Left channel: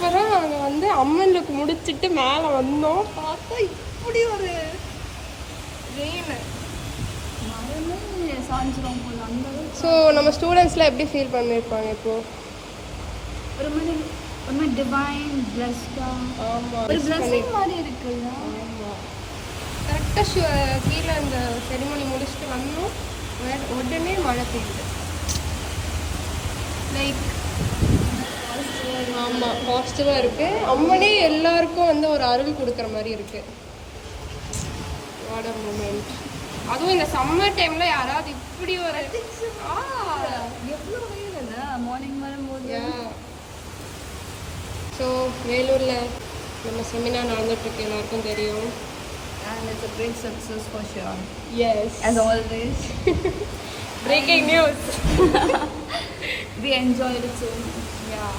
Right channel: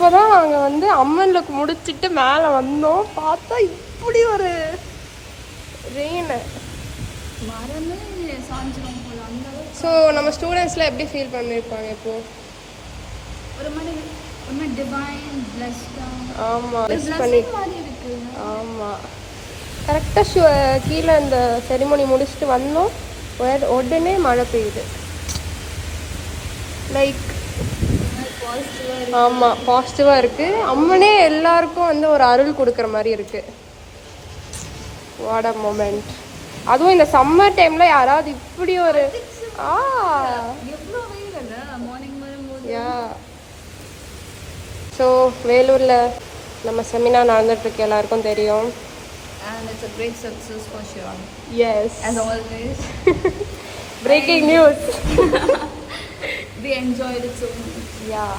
இப்போதான் நாங்கள் வந்து அம்மனுக்கு முடிச்சிட்டு மேலே வந்தோம். பார்த்தா இப்படி ஒரு ரெயின். ஸோ நம்ம ஸ்டூடெண்ட்ஸ்லாம் எப்படி ஃபீல் பண்ணியிருப்பாங்க இப்போ? ஒரு மாதிரி டிவைன் பிளஸ்டா. ஆமாம், ஒரு பிளஸிங் மாதிரி இருக்குல்ல. ஆமாம். கரெக்டாக கீழே இந்த செரிமனி முடிச்சுட்டு வந்தோம், உடனே மழை பெய்யுது. லைக் ஆமாம், பாசிட்டிவாக இருக்குது. அம்மனே எல்லாருக்கும் வந்து ஒரு அருள் கொடுக்குற மாதிரி இருக்குது. What a moment. அதுவும் இந்த சம்மர் டைமில் யாராவது இப்படி ஒரு எவ்வளோ வெயில் மார்னிங் வரும்போது. ஸோ வேலூரில் நம்ம செமினார் நடந்துட்டுருக்கு, எல்லாருக்கும் தெரியும். And it's a great success for sure. Yes. As always. Breaking news. We enjoyed it so much. Yeah.